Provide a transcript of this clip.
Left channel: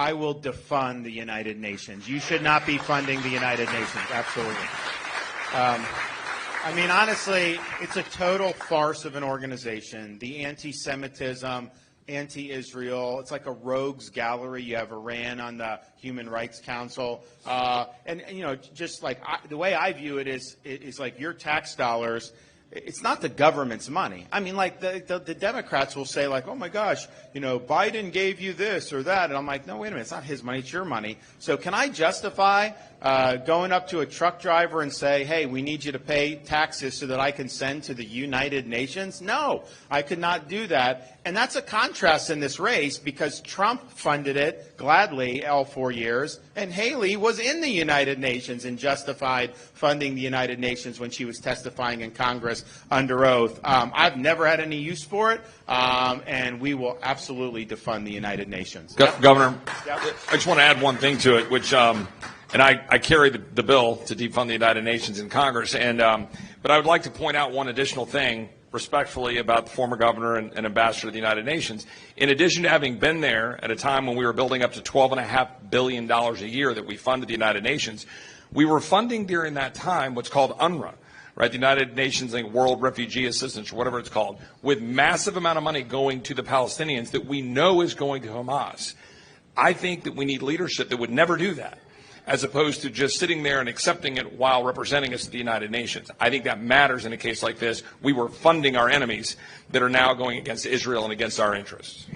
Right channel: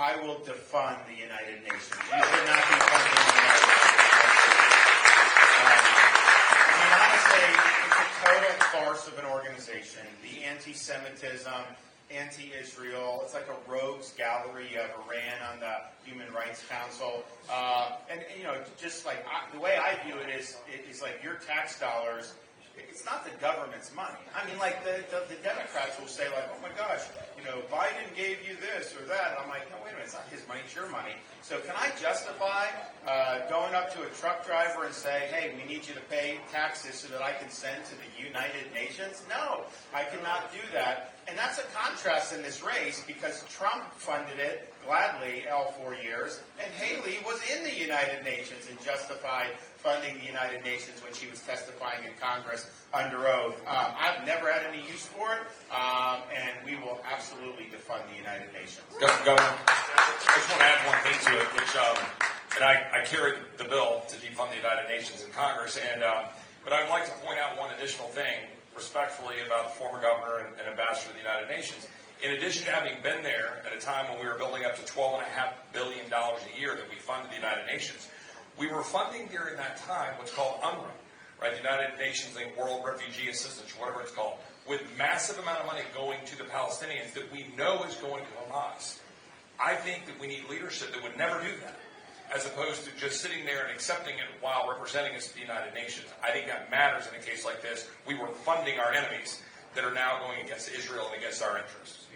I will defund the United Nations. You should not be funding the United Nations. Absolutely. I mean, honestly, it's a total farce of an organization. The anti-Semitism, anti-Israel, it's like a rogues gallery. You have Iran on the Human Rights Council. And you know, just like the way I view it is like your tax dollars. It's not the government's money. I mean, like the Democrats will say, like, oh my gosh, you know, Biden gave you this or that, and I'm like, no, wait a minute, it's not his money, it's your money. So can I justify going up to a truck driver and say, hey, we need you to pay taxes so that I can send to the United Nations? No, I could not do that. And that's a contrast in this race because Trump funded it gladly all 4 years, and Haley was in the United Nations and justified funding the United Nations when she was testifying in Congress under oath. I've never had any use for it, and we will absolutely defund the United Nations. Governor, I just want to add one thing to it, which, and I carry the bill to defund the United Nations in Congress, and but I would like to point out one additional thing respectfully about the former governor and ambassador to the United Nations. In addition to having been there at a time when we were building up to $12.5 billion a year that we funded the United Nations, we were funding during that time what's called UNRWA, right? The United Nations World Refugee Assistance, or whatever it's called, with massive amount of money going to the Palestinians that we know is going to Hamas. I think that we need leadership that would never do that, as opposed to just sitting there and accepting it while representing us at the United Nations. I think that matters in a case like this. We were funding our enemies that are now going against Israel and against our interests.